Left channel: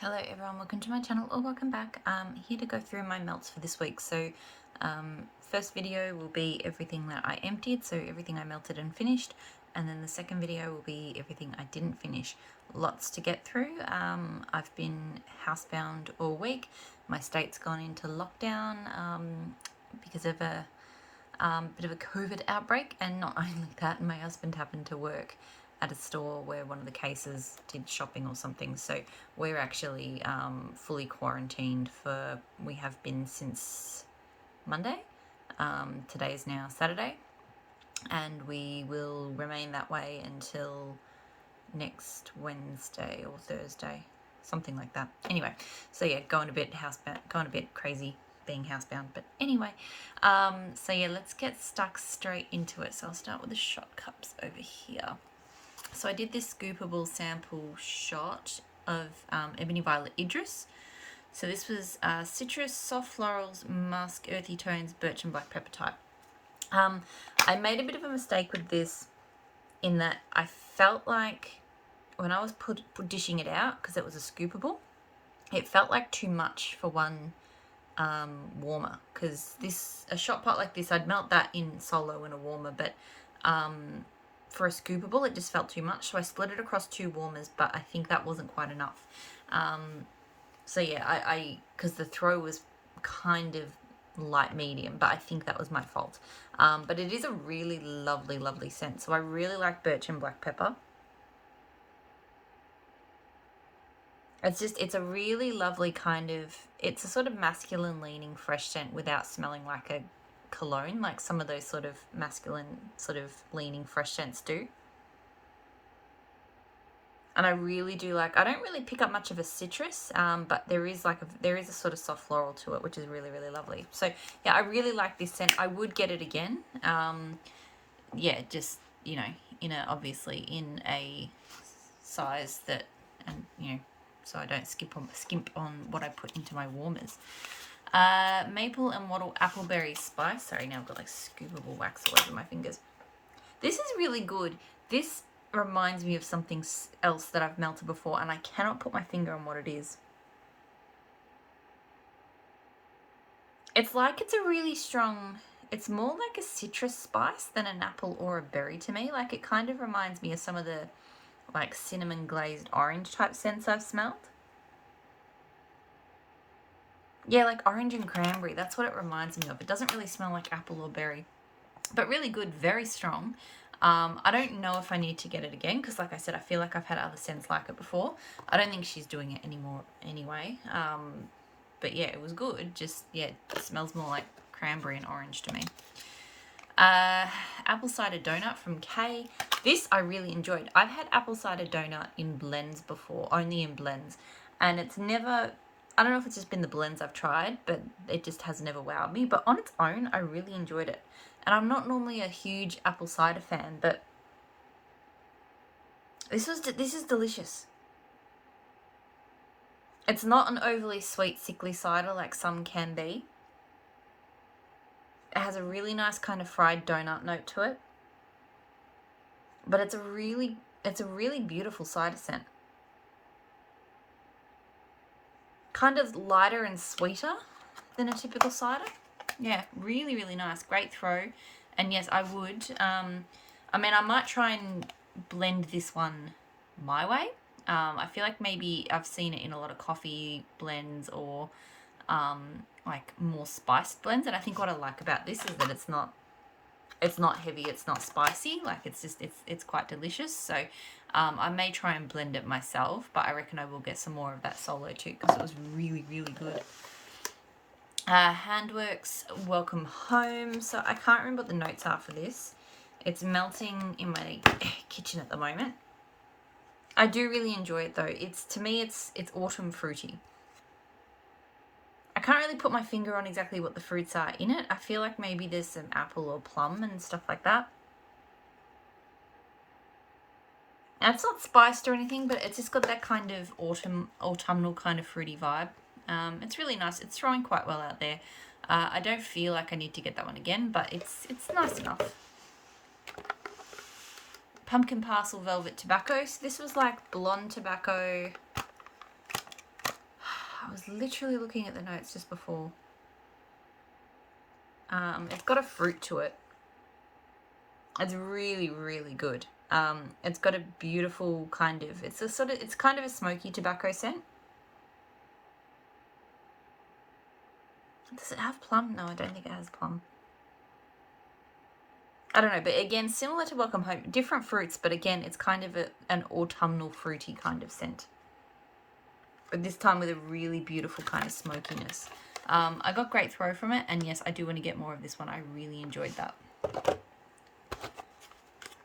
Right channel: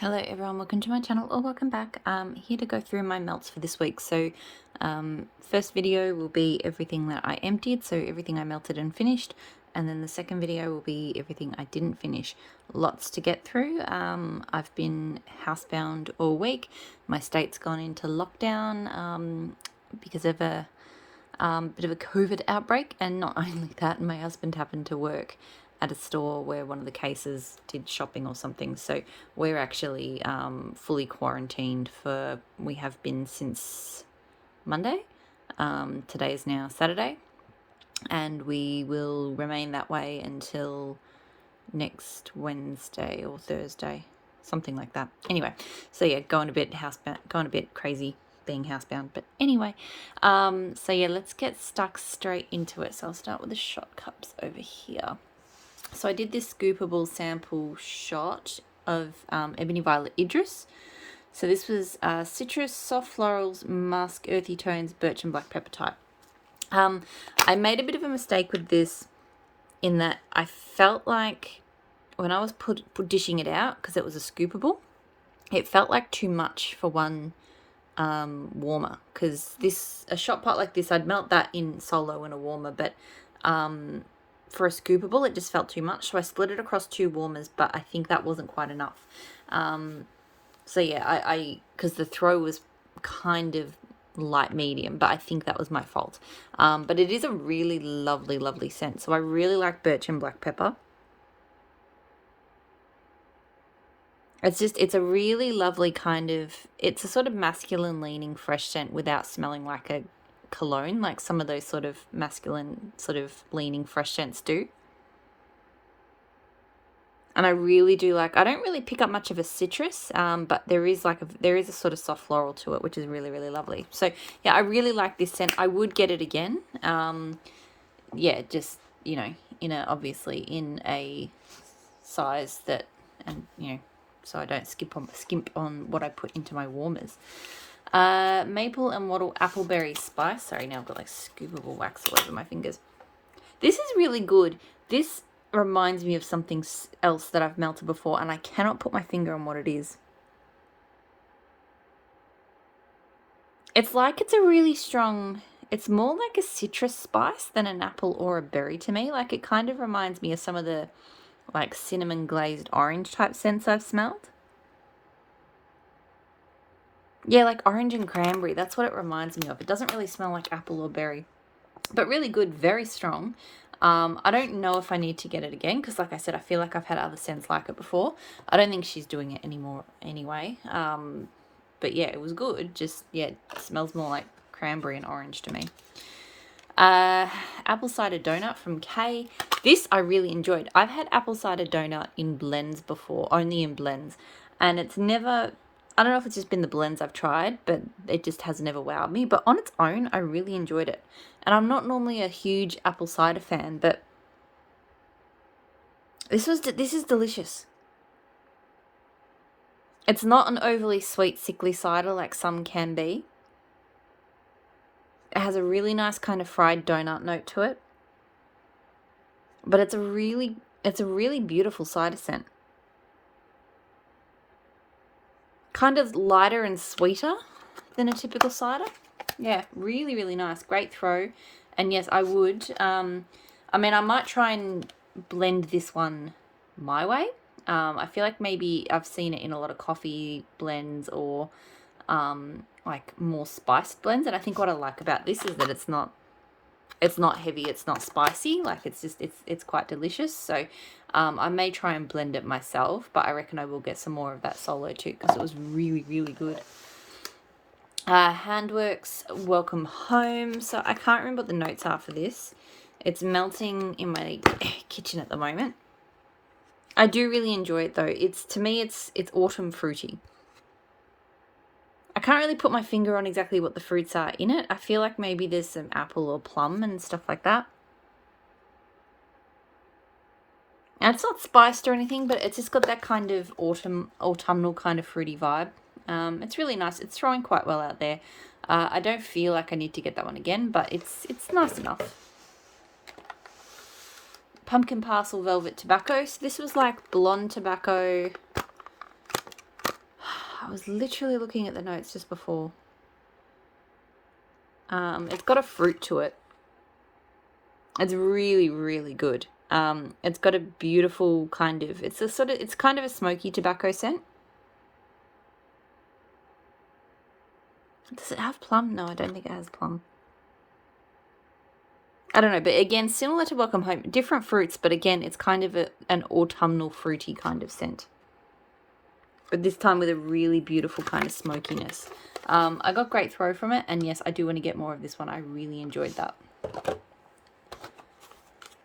Hello everyone, welcome to my channel or welcome back. Here to go through my melts for this week. So first video will be everything that I emptied, so everything I melted and finished, and then the second video will be everything I didn't finish. Lots to get through. I've been housebound all week. My state's gone into lockdown because of a bit of a COVID outbreak, and not only that, my husband happened to work at a store where one of the cases did shopping or something. So we're actually fully quarantined we have been since Monday. Today is now Saturday, and we will remain that way until next Wednesday or Thursday, something like that. Anyway, so yeah, going a bit crazy being housebound. But anyway, so yeah, let's get stuck straight into it. So I'll start with the shot cups over here. So I did this scoopable sample shot of Ebony Violet Idris. So this was citrus, soft florals, musk, earthy tones, birch and black pepper type. I made a bit of a mistake with this in that I felt like when I was dishing it out, because it was a scoopable, it felt like too much for one warmer, because a shot pot like this, I'd melt that in solo in a warmer, but for a scoopable it just felt too much, so I split it across two warmers, but I think that wasn't quite enough. So yeah, I because the throw was kind of light medium, but I think that was my fault. But it is a really lovely scent, so I really like birch and black pepper. It's a really lovely it's a sort of masculine leaning fresh scent without smelling like a cologne, like some of those sort of masculine sort of leaning fresh scents do. And I really do like, I don't really pick up much of a citrus, but there is a sort of soft floral to it, which is really lovely. So yeah, I really like this scent. I would get it again. Yeah, just, obviously in a size that, and so I don't skimp on what I put into my warmers. Maple and wattle appleberry spice. Sorry, now I've got like scoopable wax all over my fingers. This is really good. This reminds me of something else that I've melted before, and I cannot put my finger on what it is. It's like it's a really strong, it's more like a citrus spice than an apple or a berry to me. Like it kind of reminds me of some of the like cinnamon glazed orange type scents I've smelled. Yeah, like orange and cranberry. That's what it reminds me of. It doesn't really smell like apple or berry, but really good, very strong. I don't know if I need to get it again, because like I said, I feel like I've had other scents like it before. I don't think she's doing it anymore anyway. But yeah, it was good. Just, yeah, it smells more like cranberry and orange to me. Apple cider donut from Kay. This I really enjoyed. I've had apple cider donut in blends before, only in blends, and it's never, I don't know if it's just been the blends I've tried, but it just has never wowed me. But on its own, I really enjoyed it. And I'm not normally a huge apple cider fan, but this is delicious. It's not an overly sweet, sickly cider like some can be. It has a really nice kind of fried donut note to it. But it's a really beautiful cider scent. Kind of lighter and sweeter than a typical cider. Yeah, really nice. Great throw. And yes, I would. I mean, I might try and blend this one my way. I feel like maybe I've seen it in a lot of coffee blends or like more spiced blends. And I think what I like about this is that it's not heavy, it's not spicy. Like it's quite delicious. So I may try and blend it myself, but I reckon I will get some more of that solo too, because it was really good. Handworks Welcome Home. So I can't remember what the notes are for this. It's melting in my kitchen at the moment. I do really enjoy it though. To me it's autumn fruity. I can't really put my finger on exactly what the fruits are in it. I feel like maybe there's some apple or plum and stuff like that. And it's not spiced or anything, but it's just got that kind of autumnal kind of fruity vibe. It's really nice. It's throwing quite well out there. I don't feel like I need to get that one again, but it's nice enough. Pumpkin Parcel Velvet Tobacco. So this was like blonde tobacco, I was literally looking at the notes just before. It's got a fruit to it. It's really, really good. It's got a beautiful kind of, it's kind of a smoky tobacco scent. Does it have plum? No, I don't think it has plum. I don't know, but again, similar to Welcome Home, different fruits, but again, it's kind of an autumnal fruity kind of scent. But this time with a really beautiful kind of smokiness. I got great throw from it, and yes, I do want to get more of this one. I really enjoyed that.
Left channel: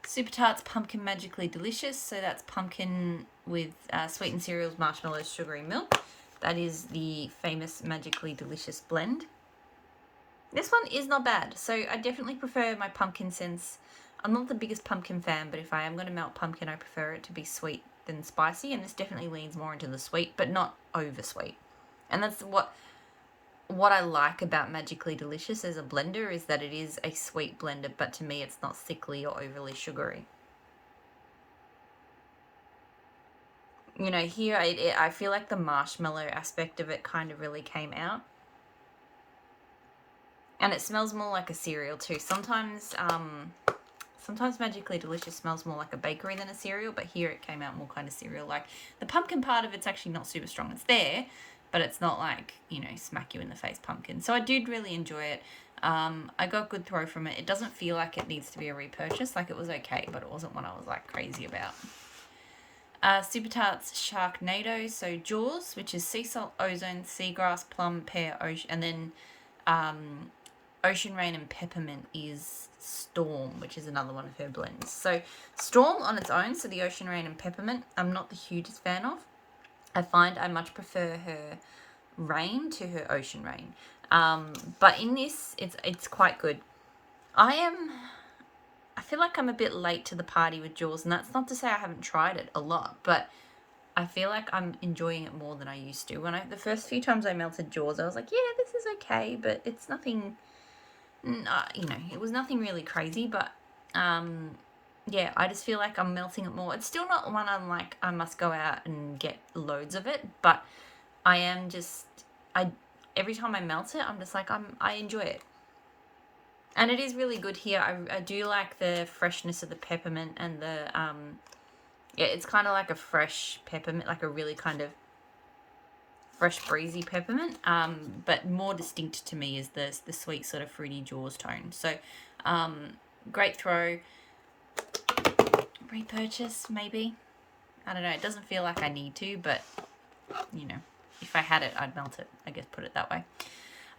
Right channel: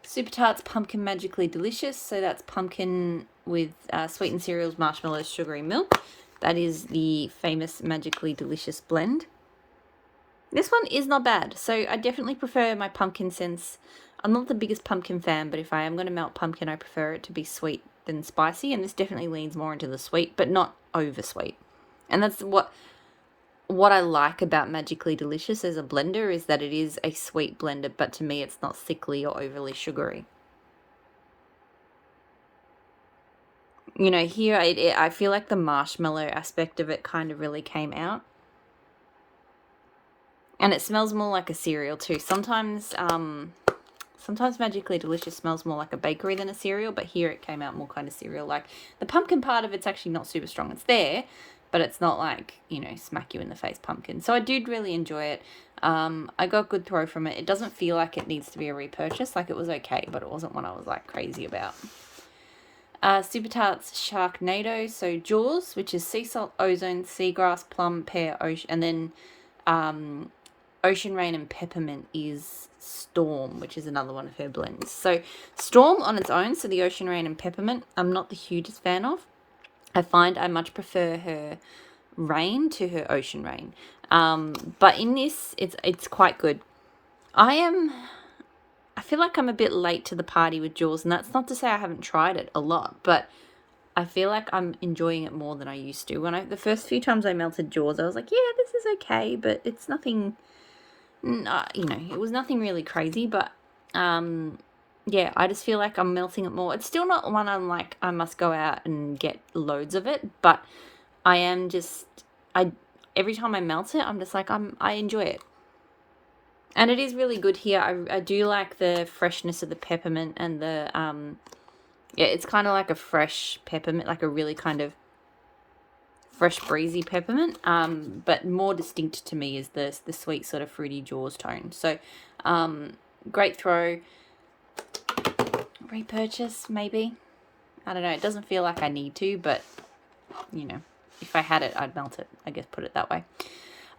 Super Tarts Pumpkin Magically Delicious. So that's pumpkin with sweetened cereals, marshmallows, sugary milk. That is the famous Magically Delicious blend. This one is not bad. So I definitely prefer my pumpkin scents. I'm not the biggest pumpkin fan, but if I am going to melt pumpkin, I prefer it to be sweet than spicy. And this definitely leans more into the sweet, but not over sweet. And that's what I like about Magically Delicious as a blender, is that it is a sweet blender, but to me it's not sickly or overly sugary. You know, here I feel like the marshmallow aspect of it kind of really came out. And it smells more like a cereal too. Sometimes Magically Delicious smells more like a bakery than a cereal, but here it came out more kind of cereal. Like the pumpkin part of it's actually not super strong. It's there, but it's not like, you know, smack you in the face pumpkin. So I did really enjoy it. I got good throw from it. It doesn't feel like it needs to be a repurchase. Like it was okay, but it wasn't one I was like crazy about. Super Tarts Sharknado. So Jaws, which is sea salt, ozone, seagrass, plum, pear, ocean, and then Ocean Rain and Peppermint is Storm, which is another one of her blends. So Storm on its own, so the Ocean Rain and Peppermint, I'm not the hugest fan of. I find I much prefer her Rain to her Ocean Rain. But in this, it's quite good. I feel like I'm a bit late to the party with Jaws, and that's not to say I haven't tried it a lot, but I feel like I'm enjoying it more than I used to. The first few times I melted Jaws, I was like, yeah, this is okay, but it's nothing, you know, it was nothing really crazy, but yeah, I just feel like I'm melting it more. It's still not one I'm like, I must go out and get loads of it, but I am just, every time I melt it, I'm just like, I enjoy it. And it is really good here. I do like the freshness of the peppermint and the, yeah, it's kind of like a fresh peppermint, like a really kind of fresh breezy peppermint, but more distinct to me is the sweet sort of fruity Jaws tone. So great throw. Repurchase maybe, I don't know, it doesn't feel like I need to, but you know, if I had it I'd melt it, I guess, put it that way.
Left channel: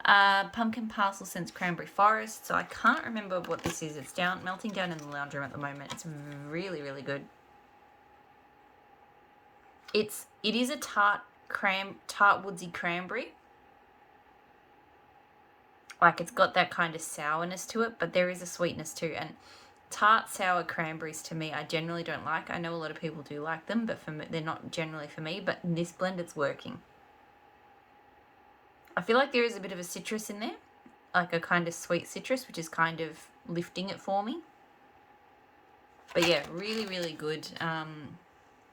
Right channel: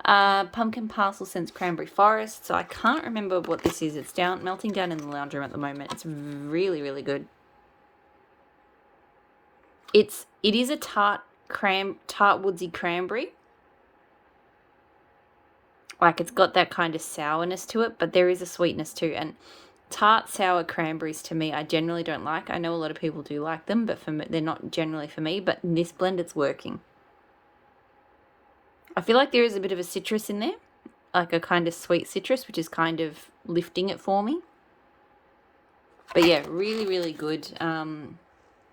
Pumpkin Parcel Scents Cranberry Forest. So I can't remember what this is. It's melting down in the lounge room at the moment. It's really, really good. It is a tart woodsy cranberry. Like it's got that kind of sourness to it, but there is a sweetness too. And tart sour cranberries to me, I generally don't like. I know a lot of people do like them, but for me, they're not generally for me. But in this blend, it's working. I feel like there is a bit of a citrus in there, like a kind of sweet citrus, which is kind of lifting it for me. But yeah, really, really good.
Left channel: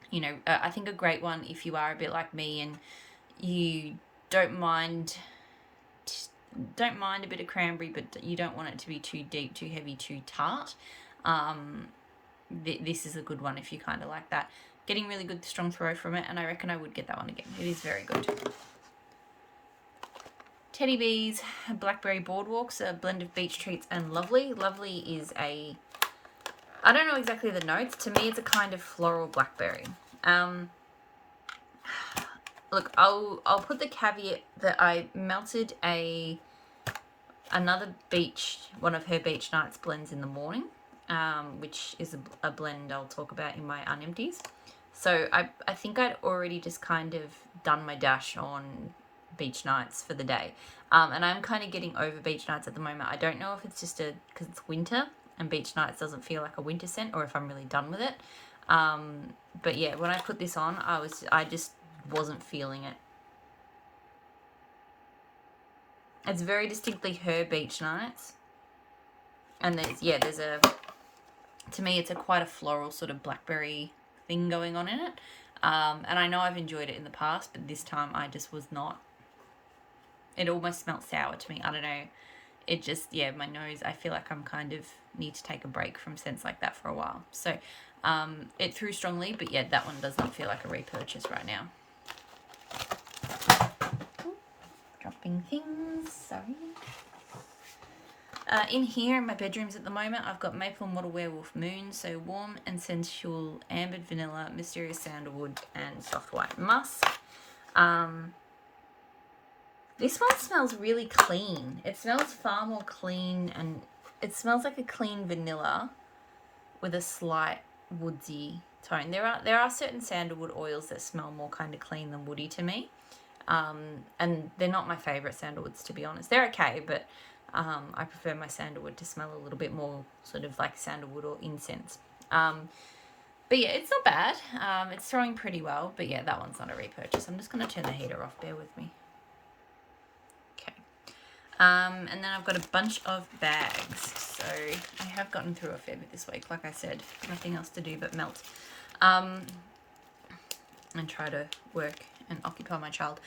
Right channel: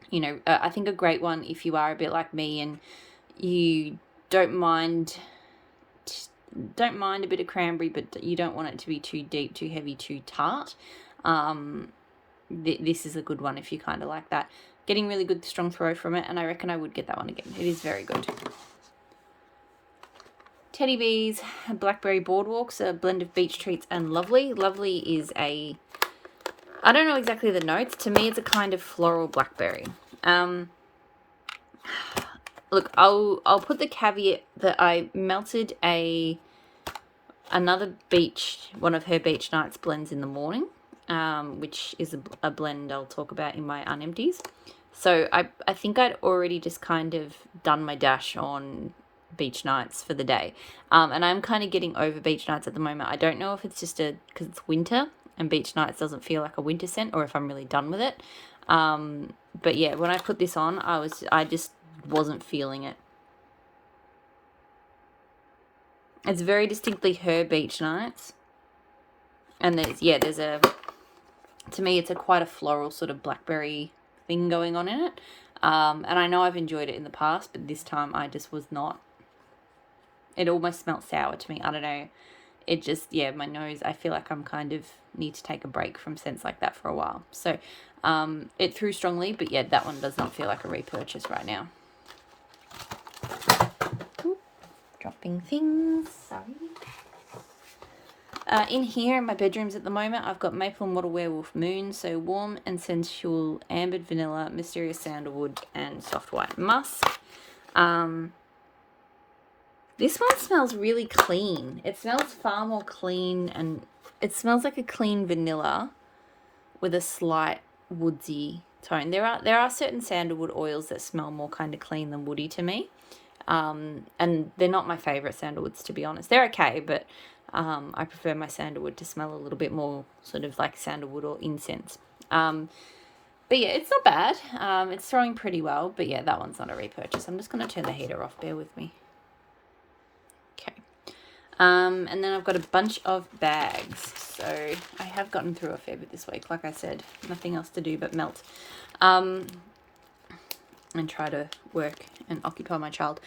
You know, I think a great one if you are a bit like me and you don't mind a bit of cranberry, but you don't want it to be too deep, too heavy, too tart. This is a good one if you kind of like that. Getting really good strong throw from it, and I reckon I would get that one again. It is very good. Teddy Bees Blackberry Boardwalks, a blend of beach treats and lovely. Lovely is I don't know exactly the notes. To me, it's a kind of floral blackberry. Look, I'll put the caveat that I melted another one of her Beach Nights blends in the morning, which is a blend I'll talk about in my unempties. So I think I'd already just kind of done my dash on Beach Nights for the day, and I'm kind of getting over Beach Nights at the moment. I don't know if it's just because it's winter and Beach Nights doesn't feel like a winter scent, or if I'm really done with it. But yeah, when I put this on, I just wasn't feeling it. It's very distinctly her Beach Nights, and there's to me it's quite a floral sort of blackberry thing going on in it. And I know I've enjoyed it in the past, but this time I just was not. It almost smelled sour to me. I don't know. It just, yeah, my nose, I feel like I'm kind of need to take a break from scents like that for a while. So it threw strongly, but yeah, that one does not feel like a repurchase right now. Ooh, dropping things, sorry. In here in my bedrooms at the moment, I've got Maple Model Werewolf Moon, so warm and sensual ambered vanilla, mysterious sandalwood, and soft white musk. This one smells really clean. It smells far more clean, and it smells like a clean vanilla with a slight woodsy tone. There are certain sandalwood oils that smell more kind of clean than woody to me, and they're not my favorite sandalwoods, to be honest. They're okay, but I prefer my sandalwood to smell a little bit more sort of like sandalwood or incense. But yeah, it's not bad. It's throwing pretty well, but yeah, that one's not a repurchase. I'm just going to turn the heater off. Bear with me. Okay. And then I've got a bunch of bags. So I have gotten through a fair bit this week. Like I said, nothing else to do but melt. And try to work and occupy my child.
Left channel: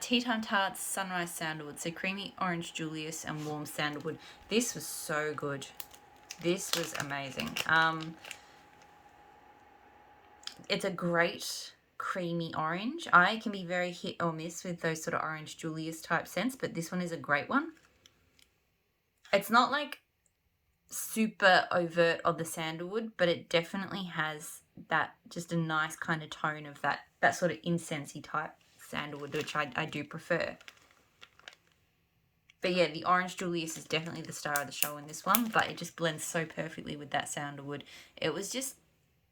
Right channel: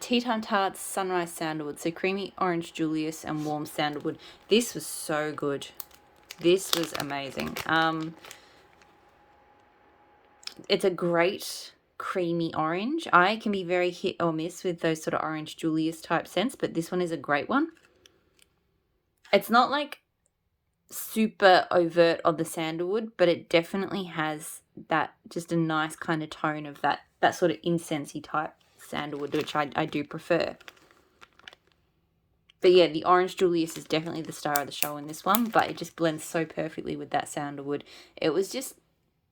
Tea Time Tarts, Sunrise Sandalwood. So creamy orange Julius and warm sandalwood. This was so good. This was amazing. It's a great creamy orange. I can be very hit or miss with those sort of orange Julius type scents, but this one is a great one. It's not like super overt of the sandalwood, but it definitely has that just a nice kind of tone of that sort of incensey type sandalwood, which I do prefer. But yeah, the orange Julius is definitely the star of the show in this one, but it just blends so perfectly with that sandalwood. It was just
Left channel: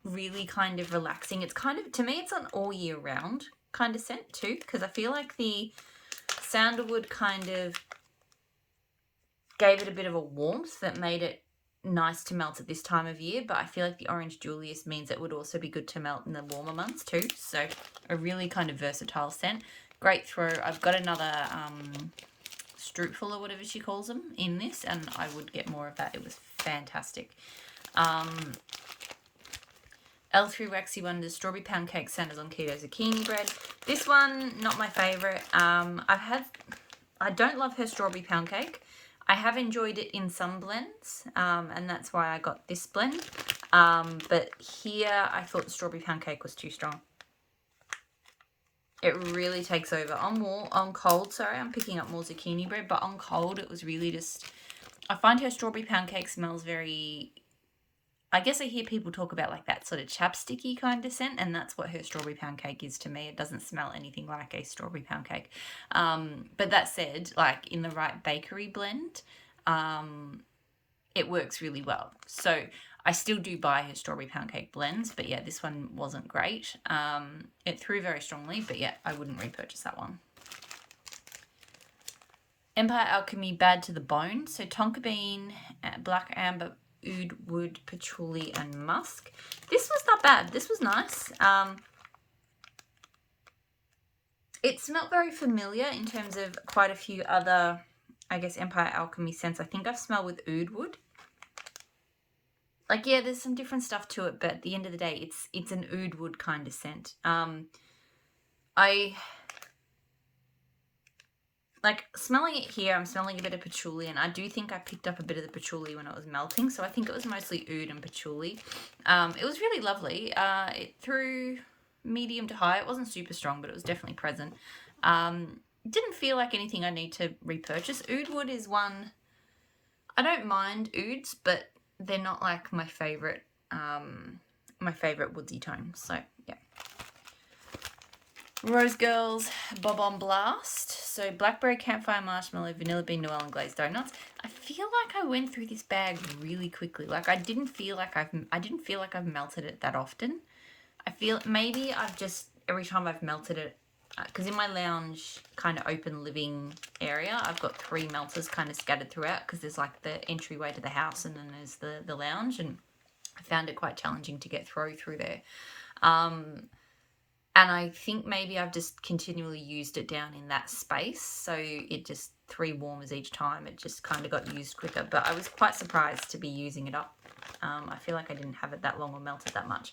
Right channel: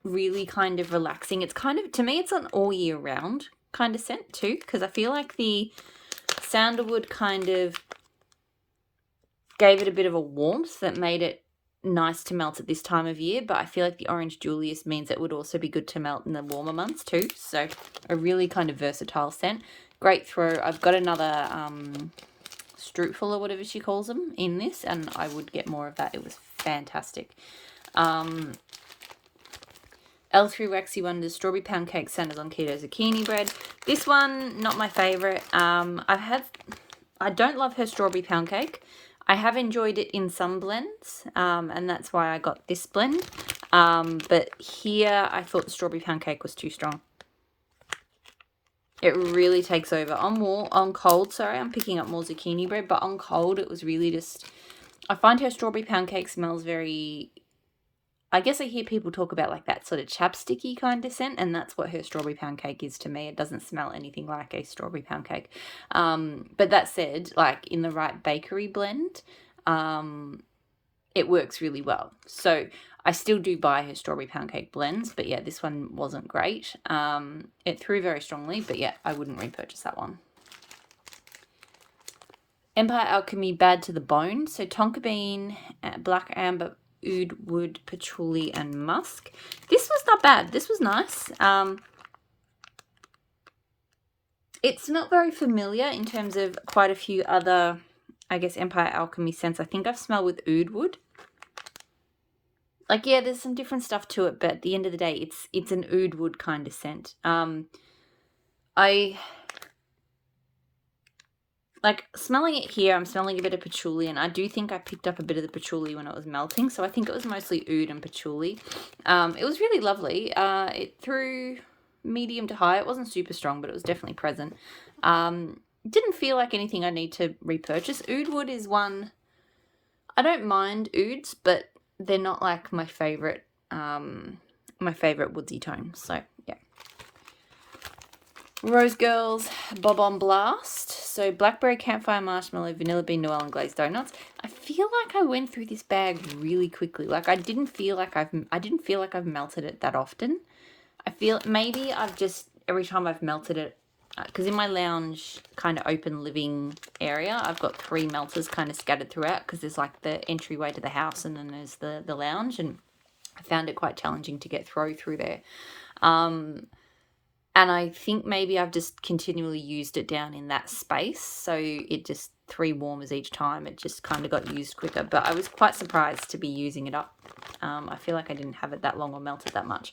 really kind of relaxing. It's kind of, to me, it's an all year round kind of scent too, because I feel like the sandalwood kind of gave it a bit of a warmth that made it nice to melt at this time of year, but I feel like the orange Julius means it would also be good to melt in the warmer months too. So a really kind of versatile scent. Great throw. I've got another Struteful or whatever she calls them in this, and I would get more of that. It was fantastic. L3 Waxy Wonders Strawberry Pound Cake Sanders on Keto Zucchini Bread. This one, not my favourite. I don't love her strawberry pound cake. I have enjoyed it in some blends, and that's why I got this blend. But here, I thought the strawberry pound cake was too strong. It really takes over. On cold, sorry, I'm picking up more zucchini bread, but on cold, it was really just... I find her strawberry pound cake smells very... I guess I hear people talk about like that sort of chapsticky kind of scent, and that's what her strawberry pound cake is to me. It doesn't smell anything like a strawberry pound cake. But that said, like in the right bakery blend, it works really well. So I still do buy her strawberry pound cake blends, but yeah, this one wasn't great. It threw very strongly, but yeah, I wouldn't repurchase that one. Empire Alchemy Bad to the Bone. So tonka bean, black amber, oud wood, patchouli, and musk. This was not bad. This was nice. It's not very familiar in terms of quite a few other, I guess, Empire Alchemy scents. I think I've smelled with oud wood. Like, yeah, there's some different stuff to it, but at the end of the day, it's an oud wood kind of scent. Like, smelling it here, I'm smelling a bit of patchouli, and I do think I picked up a bit of the patchouli when it was melting, so I think it was mostly oud and patchouli. It was really lovely. It threw medium to high. It wasn't super strong, but it was definitely present. Didn't feel like anything I need to repurchase. Oud wood is one... I don't mind ouds, but they're not like my favourite woodsy tone, so yeah. Rose Girls Bob on Blast. So blackberry, campfire, marshmallow, vanilla bean, New Orleans glazed donuts. I feel like I went through this bag really quickly. Like I didn't feel like I've melted it that often. I feel maybe I've just every time I've melted it, because in my lounge kind of open living area, I've got 3 melters kind of scattered throughout, because there's like the entryway to the house and then there's the lounge, and I found it quite challenging to get through there. And I think maybe I've just continually used it down in that space. So it just 3 warmers each time. It just kind of got used quicker. But I was quite surprised to be using it up. I feel like I didn't have it that long or melt it that much.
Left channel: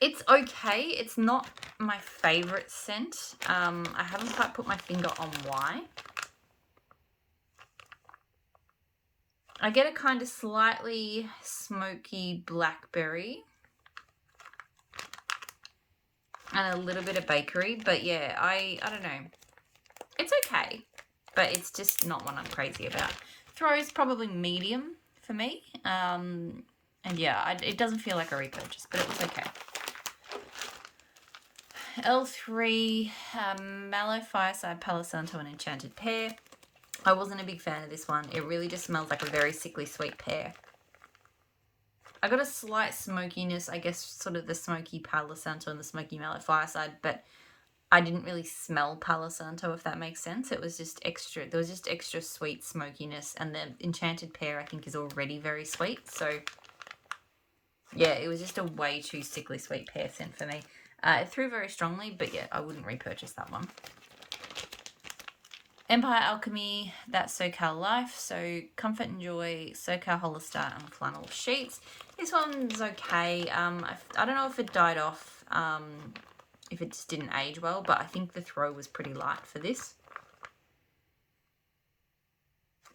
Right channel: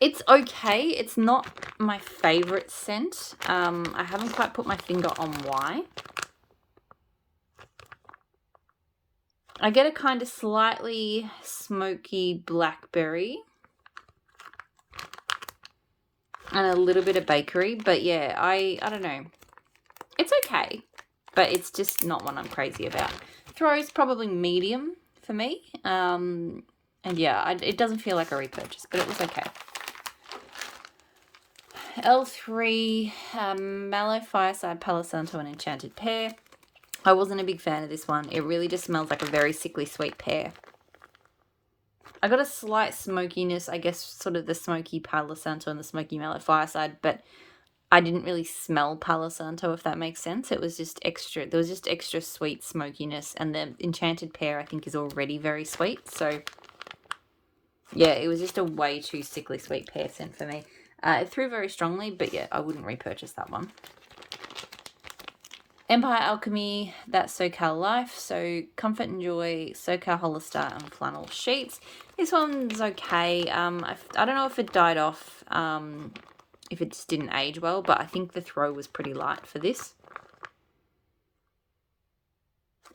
It's okay. It's not my favorite scent. I haven't quite put my finger on why. I get a kind of slightly smoky blackberry and a little bit of bakery, but yeah, I don't know. It's okay, but it's just not one I'm crazy about. Throw is probably medium for me. And yeah, it doesn't feel like a repurchase, but it was okay. L3, Mallow Fireside, Palo Santo, and Enchanted Pair. I wasn't a big fan of this one. It really just smells like a very sickly sweet pear. I got a slight smokiness, I guess, sort of the smoky Palo Santo and the smoky Mallow Fireside, but I didn't really smell Palo Santo, if that makes sense. It was just extra, there was just extra sweet smokiness, and the Enchanted Pear, I think, is already very sweet, so yeah, it was just a way too sickly sweet pear scent for me. It threw very strongly, but yeah, I wouldn't repurchase that one. Empire Alchemy, that's SoCal Life. So Comfort and Joy, SoCal Hollister, and Flannel Sheets. This one's okay. I don't know if it died off, if it just didn't age well, but I think the throw was pretty light for this.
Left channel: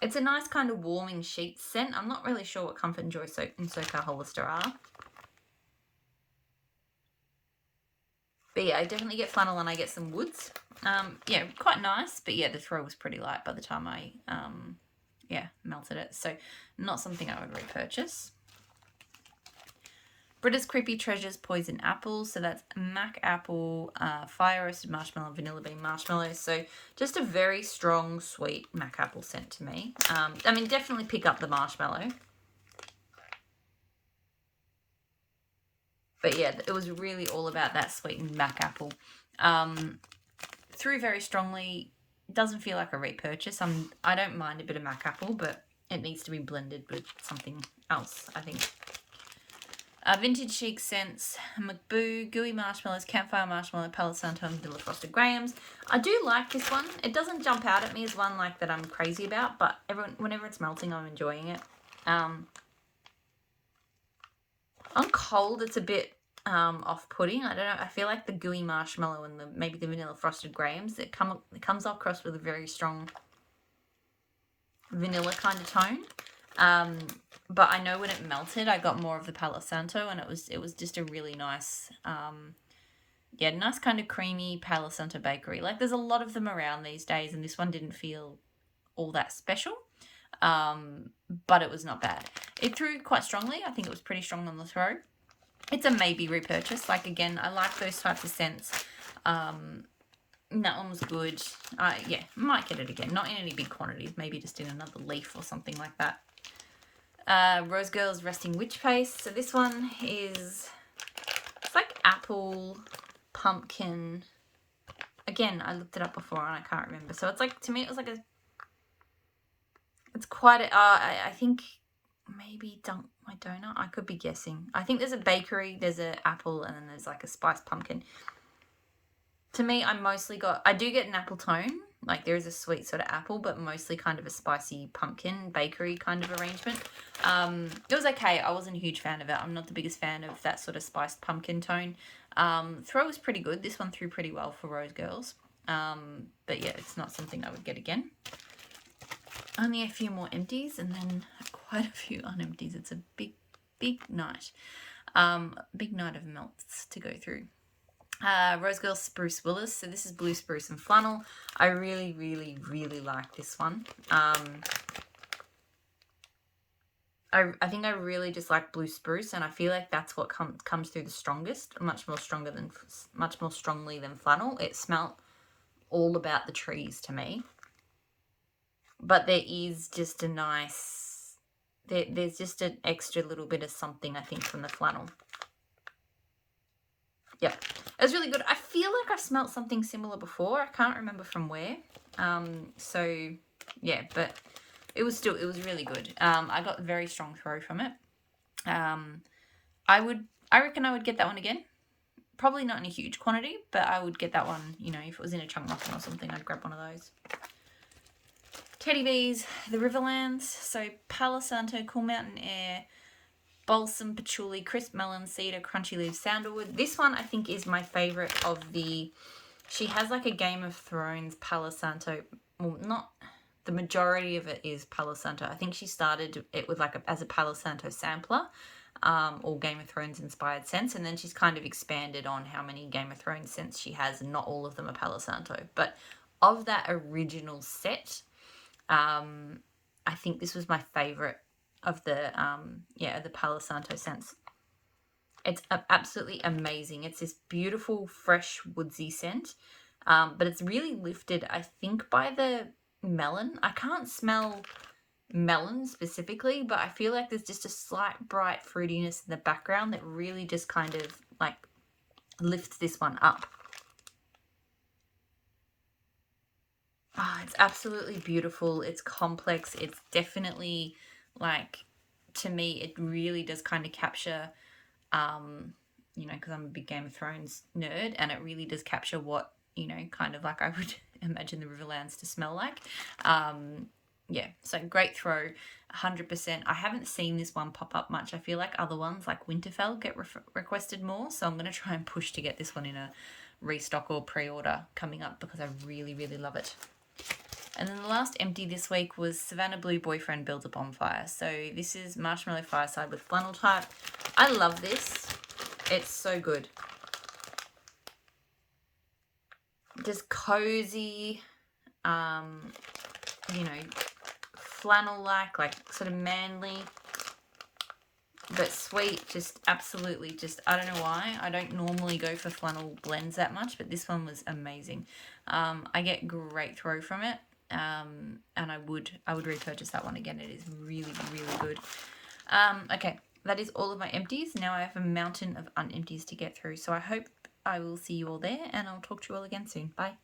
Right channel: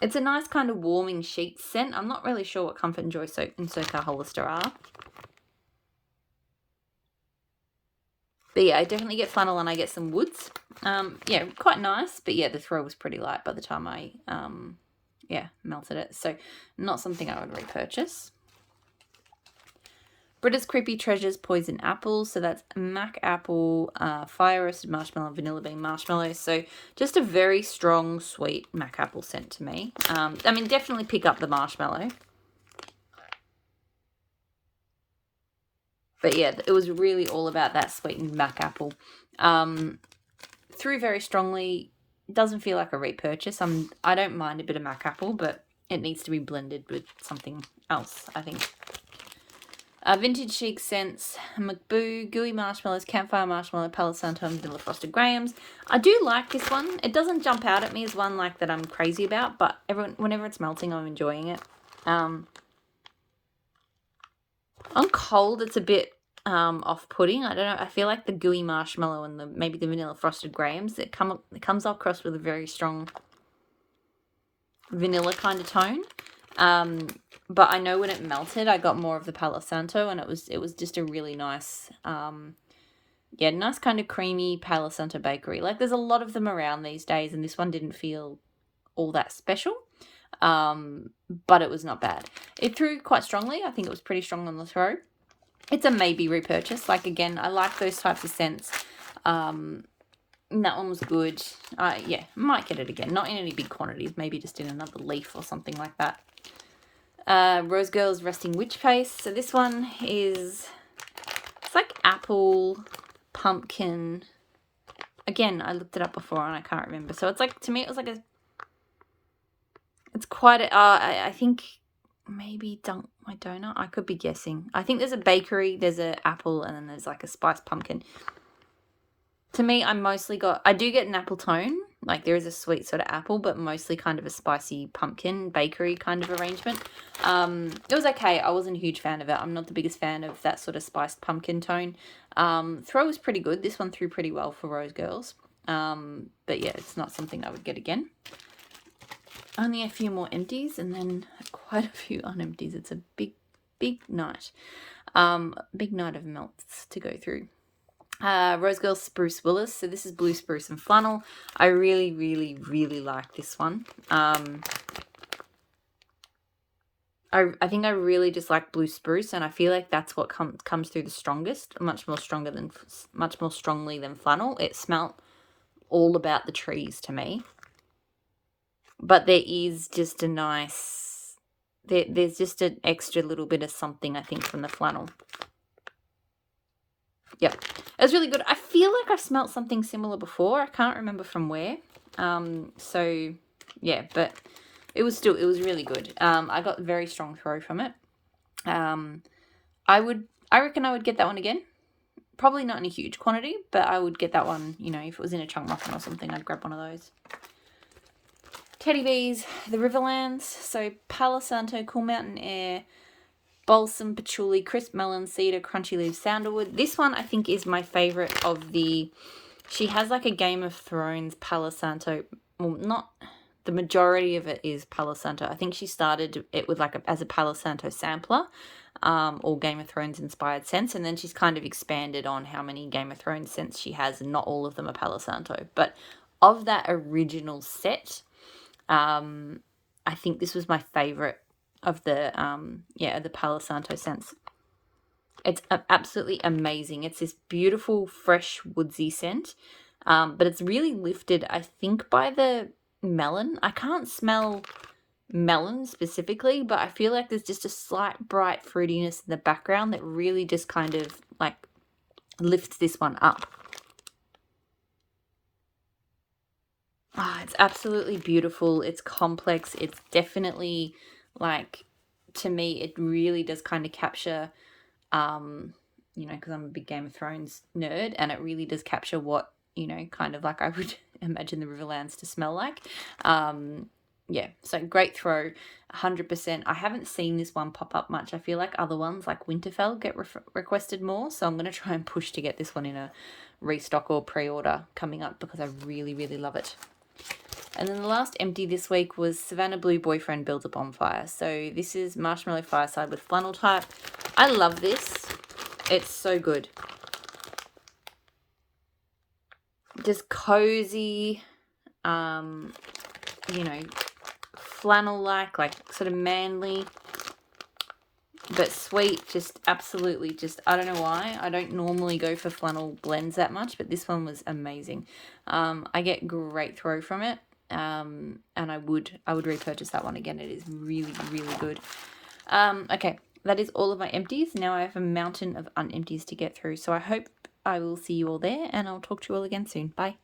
It's a nice kind of warming sheet scent. I'm not really sure what Comfort and Joy and SoCal Hollister are. But yeah, I definitely get flannel and I get some woods. Yeah, quite nice. But yeah, the throw was pretty light by the time I, melted it. So not something I would repurchase. Britta's Creepy Treasures Poison Apple. So that's Mac Apple, Fire Roasted Marshmallow, Vanilla Bean Marshmallow. So just a very strong, sweet Mac Apple scent to me. I mean, definitely pick up the marshmallow. But yeah, it was really all about that sweetened Mac Apple. Through very strongly. Doesn't feel like a repurchase. I don't mind a bit of Mac Apple, but it needs to be blended with something else, I think. Vintage Chic Scents, McBoo, Gooey Marshmallows, Campfire Marshmallow, Palo Santo, and Vanilla Frosted Grahams. I do like this one. It doesn't jump out at me as one like that I'm crazy about, but whenever it's melting, I'm enjoying it. On cold, it's a bit off-putting. I don't know. I feel like the gooey marshmallow and maybe the vanilla frosted grahams, it comes across with a very strong vanilla kind of tone. But I know when it melted, I got more of the Palo Santo, and it was just a really nice, nice kind of creamy Palo Santo bakery. Like there's a lot of them around these days, and this one didn't feel all that special. But it was not bad. It threw quite strongly. I think it was pretty strong on the throw. It's a maybe repurchase. Like, again, I like those types of scents. That one was good. Might get it again. Not in any big quantities. Maybe just in another leaf or something like that. Rose Girls Resting Witch Paste. So this one is... It's like apple, pumpkin. Again, I looked it up before and I can't remember. So it's like, to me, it was like a... It's quite a... I think... Maybe Dunk My Donut. I could be guessing. I think there's a bakery, there's an apple, and then there's like a spiced pumpkin. To me, I do get an apple tone. Like there is a sweet sort of apple, but mostly kind of a spicy pumpkin bakery kind of arrangement. It was okay. I wasn't a huge fan of it. I'm not the biggest fan of that sort of spiced pumpkin tone. Throw was pretty good. This one threw pretty well for Rose Girls. But yeah, it's not something I would get again. Only a few more empties and then quite a few unempties. It's a big night. Big night of melts to go through. Rose Girl Spruce Willis. So this is Blue Spruce and Flannel. I really, really, really like this one. I think I really just like Blue Spruce, and I feel like that's what comes through the strongest. Much more strongly than Flannel. It smelt all about the trees to me. But there is just a nice... There's just an extra little bit of something, I think, from the Flannel. Yep. It's really good. I feel like I've smelt something similar before. I can't remember from where. So, yeah. But it was really good. I got a very strong throw from it. I reckon I would get that one again. Probably not in a huge quantity, but I would get that one, you know, if it was in a chunk muffin or something, I'd grab one of those. Teddy Bees, the Riverlands, so Palo Santo, Cool Mountain Air, balsam, patchouli, crisp melon, cedar, crunchy leaves, sandalwood. This one I think is my favorite of the... She has like a Game of Thrones Palo Santo. Well, not... The majority of it is Palo Santo. I think she started it with like as a Palo Santo sampler, or Game of Thrones inspired scents, and then she's kind of expanded on how many Game of Thrones scents she has, and not all of them are Palo Santo. But of that original set, I think this was my favorite of the the Palo Santo scents. It's absolutely amazing. It's this beautiful, fresh, woodsy scent, but it's really lifted, I think, by the melon. I can't smell melon specifically, but I feel like there's just a slight bright fruitiness in the background that really just kind of like lifts this one up. It's absolutely beautiful. It's complex. It's definitely like, to me, it really does kind of capture, because I'm a big Game of Thrones nerd, and it really does capture what, kind of like I would imagine the Riverlands to smell like. So great throw, 100%. I haven't seen this one pop up much. I feel like other ones like Winterfell get requested more, so I'm going to try and push to get this one in a restock or pre-order coming up because I really, really love it. And then the last empty this week was Savannah Blue Boyfriend Builds a Bonfire. So this is Marshmallow Fireside with Flannel type. I love this. It's so good. Just cozy, flannel-like, like sort of manly, but sweet. Just absolutely, I don't know why. I don't normally go for flannel blends that much, but this one was amazing. I get great throw from it. And I would repurchase that one again. It is really, really good. Okay, that is all of my empties. Now I have a mountain of unempties to get through. So I hope I will see you all there, and I'll talk to you all again soon. Bye.